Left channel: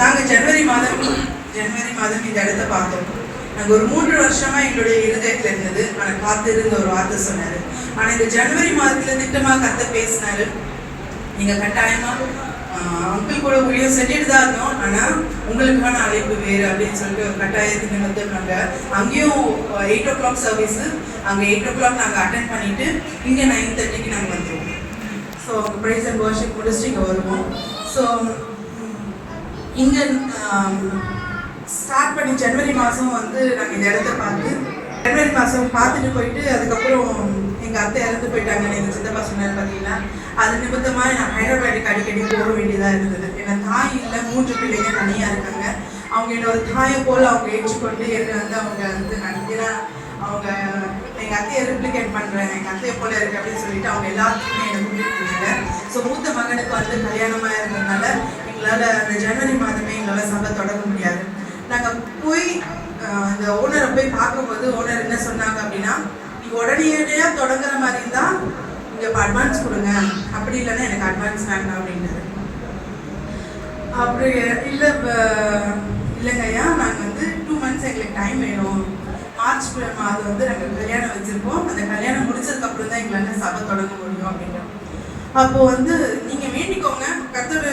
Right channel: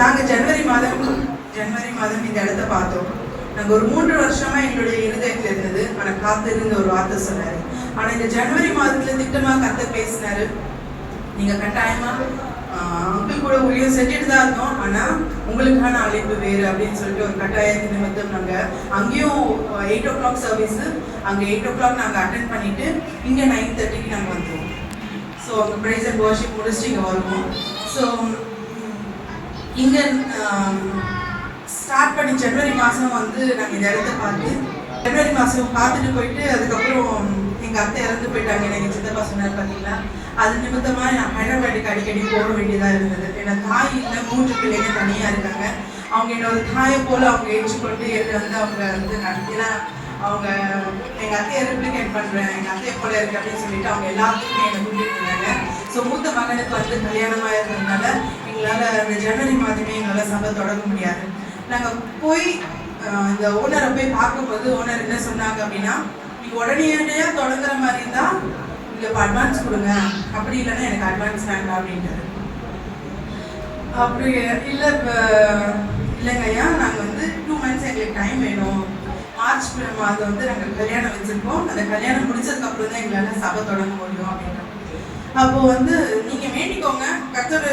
நாங்கள் ஜனவரி மாதம் இந்த இடத்த பார்த்தோம். நாங்கள் ஒரு 3 வருஷமாக எங்களுடைய இருதயத்தில் இருந்தது. ஆனால் காத்திருந்த ஒரு வார்த்தை சொன்னார். ஆனால் இந்த ஜனவரி மாதத்தில் திட்டமாக கத்த பேசினார். நீங்கள் கட்டாயமாக அங்கிள் கூட ஊழியம் செஞ்சுட்டு தான் இருந்தோம், ஆனால் உங்களுக்கான அழைப்பு வேறு அப்படின்னு சொல்லிட்டு ஒரு கட்டாயத்தின் நிமித்தம் நாங்கள் அங்கேயும் 8 o'clock சர்வீஸு, அங்கே 8 o'clock நாங்கள் அட்டென்ட் பண்ணிவிட்டு இங்கே 9:30க்கு நாங்கள் வந்துடுவோம். ஸோ அங்கே ப்ரைஸ் அண்ட் வர்ஷிப் முடிச்சுட்டு இங்கே வருவோம். ஸோ இங்கே ஸ்டார்ட் பண்ணி ஜனவரி மாதம் வந்து நாங்கள் இந்த இடத்த ஜனவரி மாதம் பார்த்துட்டு போயிட்டு அதுக்கப்புறம் எங்கள் அத்தை இறந்து போயிட்டாங்க. எங்கள் சித்தப்பா சொன்னார் பார்த்தீங்களா, அது நிமித்தமாக நான் ஹைதராபாத்துக்கு அடிக்கடி போக வேண்டியதாக இருந்தது. ஏன்னா தாய் இல்லை, 3 பிள்ளைங்க தனியாக இருக்காங்க. அவங்க என்னோட தாயை போல் அவங்க ஏற்றுக்கொண்டு என்னை வந்து அவங்க வந்து நடத்தினா அவங்க எங்கள் அத்தையை ரெப்ளிகேட் பண்ணுறேன், எங்கள் அத்தையை போல இருக்கு அப்படின்னு சொல்லிட்டு அவங்க எல்லாத்துக்குமே என்னை கூட்டிகிட்டு இருந்தாங்க. ஸோ மூத்த மகனுக்கு வந்து கல்யாணமாக இருந்ததுனால எங்களால் அந்த ஜனவரி மாதமே எங்களால் சபை தொடங்க முடியாது. நாங்கள் போய் இந்த ஓனரை போய் பார்க்கும்போது ஓனர் என்ன சொன்னாங்க அப்படின்னா, நீங்கள் உடனடியாக தொடங்குற மாதிரி இருந்தால் நீங்கள் இப்போ அட்வான்ஸ் கொடுங்க, அப்படி இல்லைன்னா எனக்கு அட்வான்ஸ் வேண்டாம் அப்படின்றது. அப்படி இல்லை இல்லைங்க ஐயா, நாங்கள் வந்து 2 months எங்களுக்கு டைம் வேணும். மார்ச் மாதம் வந்து நாங்கள் கல்யாணம் வச்சுருக்கோம், அந்த கல்யாணம் முடிச்சதுக்கப்புறம் தான் எங்களால் சபை தொடங்க முடியும் அப்படின்ற. அப்போது வந்து நீங்கள் வேண்டிக்கோங்க, கர்த்தர்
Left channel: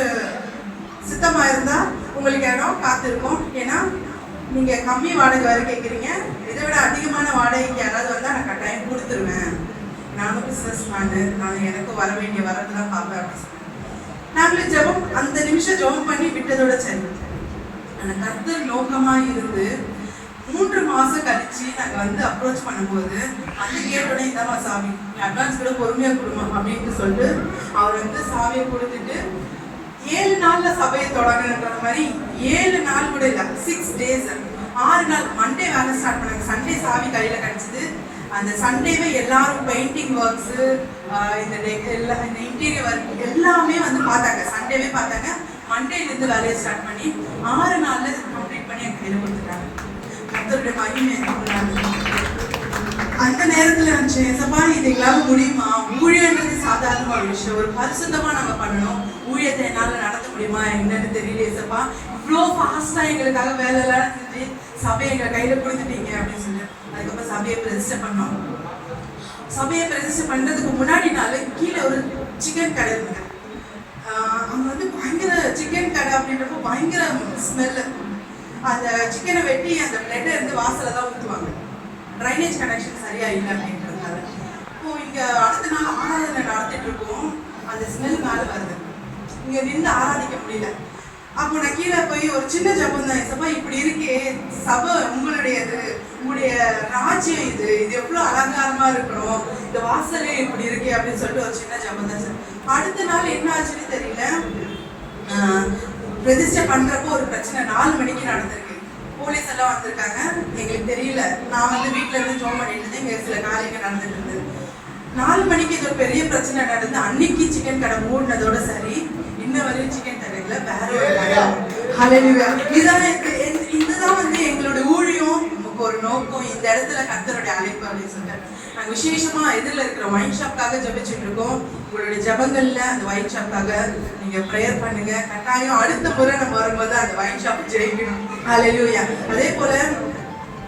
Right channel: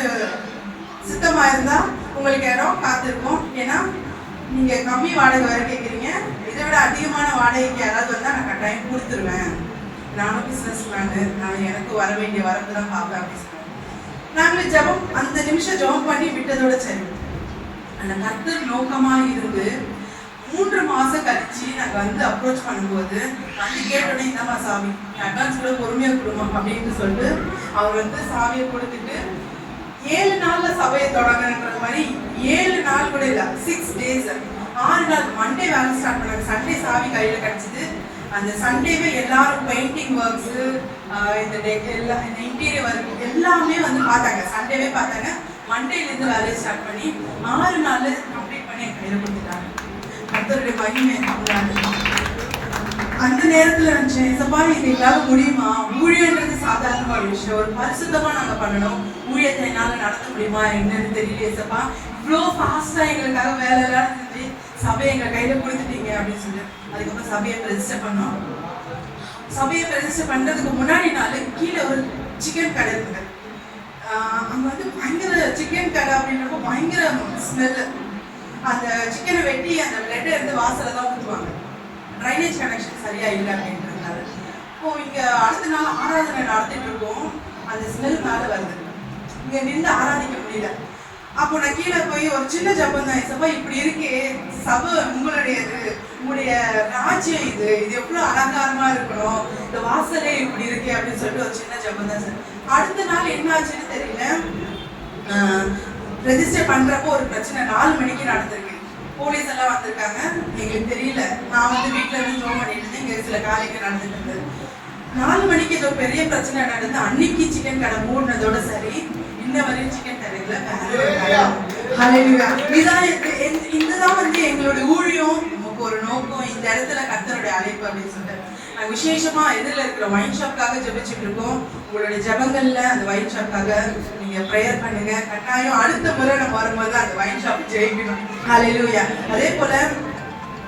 சித்தமாக இருந்தால் உங்களுக்கு இடம் காத்திருக்கோம். ஏன்னா நீங்கள் கம்மி வாடகை வரை கேட்குறீங்க, இதை விட அதிகமான வாடகைக்கு யாராவது வந்தால் நான் கட்டாயம் கொடுத்துருவேன். நானும் பிஸ்னஸ் மேனு, நான் எனக்கு வர வேண்டிய வரது தான் பார்ப்பேன் அப்படின்னு சொன்னேன். நாங்களே ஜபம் அந்த நிமிஷம் ஜபம் பண்ணி விட்டதோட சரி. ஆனால் கர்த்தர் நோக்கமாக இருந்து 3 மாதம் கழிச்சு நாங்கள் வந்து அப்ரோச் பண்ணும்போது வந்து கேட்டோடனே இதாம்மா சாமி, அட்வான்ஸ் கூட பொறுமையாக கொடுமா அப்படின்ட்டு சொல்லிட்டு அவர் வந்து சாமியை கொடுத்துட்டு 7 நாளில் சபையை தொடங்குன்ற மாதிரி 7 நாள் கூட இல்லை, 6 days 6 நாள். மண்டே வேலை ஸ்டார்ட் பண்ணாங்க, சண்டே சாவி கையில் கிடச்சிது. அந்த சண்டேவே எல்லாரும் பெயிண்டிங் ஒர்க்ஸு, இந்த இன்டீரியர் ஒர்க் எல்லாமே வந்து பார்த்தாங்க. சண்டேவே பார்த்தாங்க. மண்டேலேருந்து வேலையை ஸ்டார்ட் பண்ணி 6 நாளில் கம்ப்ளீட் பண்ணி என் கையில் கொடுத்துட்டாங்க. கர்த்தருடைய மகிமை. அந்த நேரத்தில் நினச்சேன், ஏசப்பா இது எங்களால் முடியுமா? ஊழியன்றது சாதாரணமான விஷயம், ஒரு பரிசுத்தமாக நாங்கள் பண்ணணும். ஊழியத்தை என்னால் நடத்த முடியுமா என்னன்னு தெரியல ஏசப்பா. இவ்வளோ ஃபாஸ்ட்டாக எங்களுக்காக வேலையெல்லாம் செஞ்சு சபையை எங்கள் கையில் கொடுத்துட்டீங்க அப்படின்னு சொல்லி அதுக்கப்புறம் சபையை ரெஜிஸ்டர் பண்ணோம். சபையை ரெஜிஸ்டர் பண்ணுறதுக்கு முன்னாடி நாள் கீழே ஒரு சிக்கன் கடை இருந்தது. அங்கே வந்து பயங்கர சிக்கன் கடை அப்படின்றப்போ பயங்கர ஸ்மெல்லு. அந்த சிக்கனை வெட்டி அந்த பிளட்டை எடுத்து வாசலில் தான் ஊற்றுவாங்க. ட்ரைனேஜ் கனெக்ஷன் சரியா இல்லை அப்படின்றதுனால. இப்போ இங்கே அடுத்த நாள் ஆராதனை நடத்திட்டு இருக்கோம், அந்த ஸ்மெல் மேலே வருது. இங்கே நின்று ஆராதிக்க முடியல. அப்போ நான் கீழே போய் ஒரு சின்ன ஜபம் தான், சபா இப்படி இருக்கே, சபை உங்களுடையது, உங்களுடைய ராஜ்யம் இது எவ்வளோ அலங்காரமாக இருக்கணும், இந்த வாசலே இப்படி இருக்கே அப்படின்னு சொல்லிட்டு ஒரு சின்ன ஜபம் தான் சார். அடுத்த நாள் என்ன ஆச்சுன்னு தெரியல. ரெஜிஸ்டர் பண்ணுறப்போ ஒரு பிரச்சனை 4 மணிக்கு நடந்திருக்கு. போலீஸ் எல்லாம் வந்திருக்காங்க, எங்களுக்கு தெரியல. நான் வந்து வீட்டில் இருந்து ஜோம் பண்ணிட்டு இருந்தேன், இங்கே சில காரியங்கள் நடந்துட்டு இருந்தது. 4 மணிக்கு இது ஒரு பெரிய பிரச்சனை நடந்து அன்னைக்கு சிக்கன் கடை மூடினதோட சரி, இன்ன வரையும் சிக்கன் கடையில் வேற ஒரு கடை. இதுதான் வந்து எங்களோட ஊழியம், நமக்கு ஒரு நோக்கம், இந்த இடத்துல கர்த்தருடைய அழைப்பு அப்படின்னு சொல்லிட்டு நாங்கள் விசேஷமாக எதிரில் இருக்கிற ஒயின் ஷாப்காக ஜபிச்சுட்டு இருக்கோம். உங்களுடைய ஜபங்களில் அந்த ஒயின் ஷாப்காக நீங்கள் ப்ரேயர் பண்ணுங்க. கட்டாயம் அடுத்த முறை நம்ம வரும்போது அந்த ஒயின் ஷாப் ஜெயிக்கணும். ஹல்லேலூயா. அதே போல்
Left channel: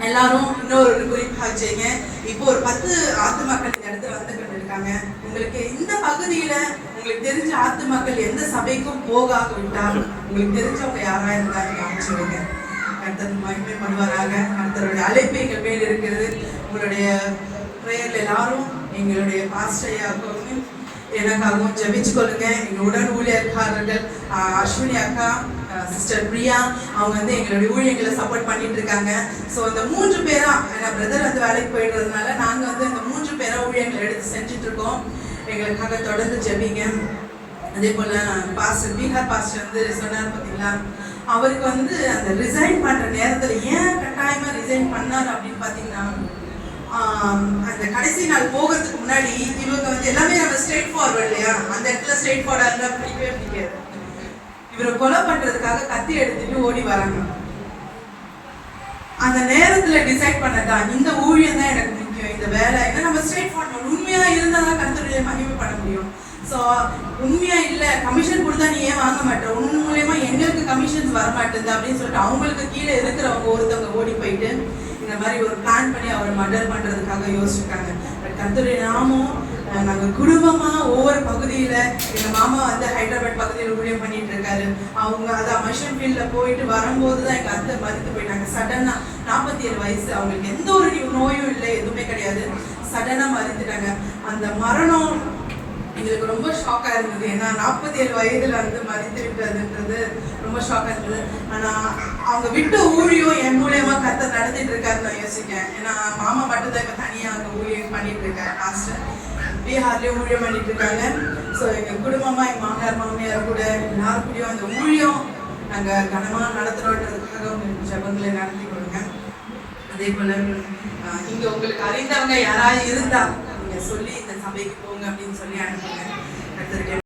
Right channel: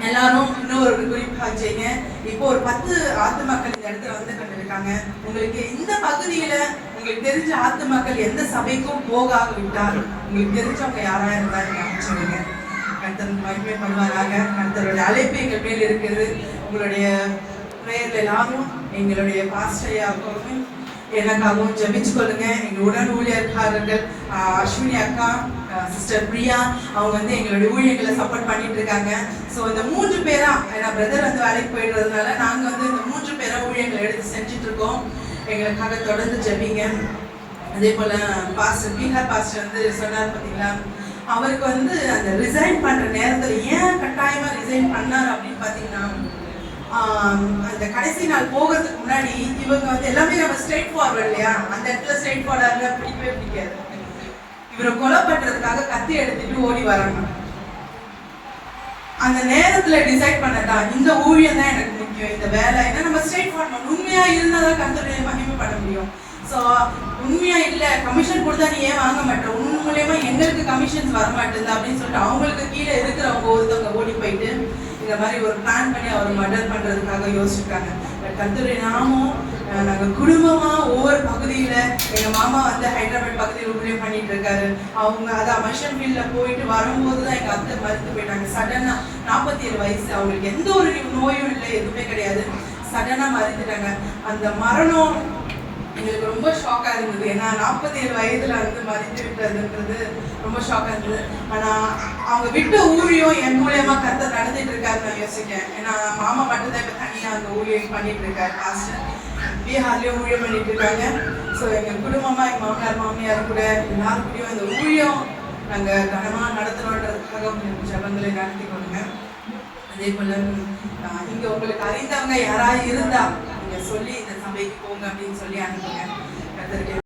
எல்லாரும் இன்னொரு குறிப்பாக செய்யுங்க. இப்போ ஒரு 10 ஆத்து மக்கள் இந்த இடத்துல வந்து கொண்டிருக்காங்க. உங்களுக்கு இந்த பகுதியில் உங்களுக்கு தெரிஞ்ச ஆத்து மக்கள் எந்த சபைக்கும் போகாக விட்டால் உங்களுக்கு தெரிஞ்சவங்க யாராக இருந்தால் நீங்கள் அமைச்சுடுங்க. கர்த்தர் மகிமை பண்ணுவாராக. கர்த்தருடைய அழைப்பு எங்கள் மேல் இருக்கிறது. உங்களுடைய ப்ரேயரில் எல்லாரும் எங்களுடைய பாஸ்டரையாகவும் எனக்காகவும் ஜபிச்சு கொள்ளுங்க. எங்கள் உடன் ஊழியர்காரர்கள் அஸ்வினி அக்கா, சிஸ்டர் பிரியா, அவங்க வந்து எங்களுடைய ஊழியர்களை சப்போர்ட் பண்ணிட்டு இருக்காங்க. ஸோ இந்த 3 பேரா, ஏன்னா பிரதர் வந்து வேலைக்கு போயிடுறதுனால நாங்கள் வந்து இந்த 3 பேரா ஊழியர்களை எடுத்து செஞ்சுட்டு இருக்கோம். எங்களுக்காக தொடர்ந்து ஜபிங்க. அதே போல் பாஸ்டர் பீகார் பாஸ்டர் வந்து சொன்னார் பார்த்தீங்களா, அவருக்கு வந்து அந்த ரிசைன் பண்ணுற நேரத்தில் ஏன் கட்டாயமாக ரிசைன் பண்ணார் அப்படின்னு பார்த்தீங்கன்னா, அந்த கடைசி நாள் போகிறதுக்கு முன்னாடி இவங்க வந்து எல்லாமே நம்ம ஸ்ட்ரெயிட் ஃபார்வர்ட் இல்லையா, அந்த இடத்துல ஸ்ட்ரெயிட் ஃபார்வர்டாக இருந்தால் பிடிக்கவே பிடிக்காது. இவரை கொலை பண்ணுறதுக்காக கத்தி எடுத்துட்டு ஓடி வராங்க. அந்த நேரத்தில் டிசைட் பண்ணதா இந்த ஊழியம் தான் எனக்கு முக்கியம், இந்த வேலை. ஏன்னா நம்ம ஸ்ட்ரெயிட் ஃபார்வர்ட் உண்மையாக இருந்தால் தான் கர்த்தருடைய மகிமை பண்ண முடியும். ஸோ உண்மையாக இல்லை, கமிஷன் கொடுத்தா நீ ஏன் வாங்க மாட்டேன், உன் மூலயமா எங்களுக்கு கமிஷன்ஸ் வர மாட்டேங்குது அப்படின்னு சொல்லிட்டு அவங்களுக்கு கீழே இருக்கிறவங்க ஒருத்தவங்க ஓடி போயிட்டு இந்த மாதிரி ஒரு பிளான் பண்ணி அவரை மர்டர் பண்ணுறதுக்காக யோசிச்சுருக்காங்க. பட் கர்த்தருடைய நாமம் நாங்கள் குடும்பமாக ஒவ்வொரு பகுதியில் எங்கள் மாமா வந்து ஹைதராபாத் பகுதியில் ஊழியம் பண்ணிட்டு இருக்காரு. அவங்க அதான் மஷன் ஃபீல்டில் போயிட்டு வரும்போது தான் எங்கள் அத்தை மறுத்து போயிட்டாங்க. சடனாக 47 வயசு, அவங்களுக்கு எந்த ஒரு நோயும் இல்லை, எதுவுமே கிடையாது. சடனாக மறுத்துட்டாங்க. அந்த மரணம் எங்களுக்கு ரொம்ப ஷாக்காக இருந்தது. ஏன்னா 47 வயதில் வந்து மறித்து விட்டதுன்றது ரொம்ப ஷாக்காக இருந்தது. ஆனால் அவங்க விட்ட ஊழியம் என் மூலியமாக கர்த்தர் நடத்திட்டு இருக்காருன்னு நான் யோசிக்கிறேன். ஏன்னா மாமா மட்டும்தான் இப்போ தனியாக அவங்க ஊழியம் பண்ணிட்டு இருக்காரு. மாஸ்டர் பீகார்லேயும் ஊழியம் பண்ணிட்டு இருக்காங்க. ஸோ எங்கள் குடும்பமாக எங்கள் மாமனார் மாமியார் கூட எல்லாருக்கூடையும் அந்த ஊழியம் நாங்கள் கனமாக நடத்துகிறோன்றதுக்காக உங்களுக்கு ஜபங்களை நடத்தி கொடுங்க. அதே போல் இங்கே உங்களுக்கு அறிந்தவங்க யாராவது இருந்தால் நீங்கள் சொல்லி இந்த சபைக்கு போங்க அப்படின்னு சொல்லி அனுப்புங்க. கர்த்தருக்கு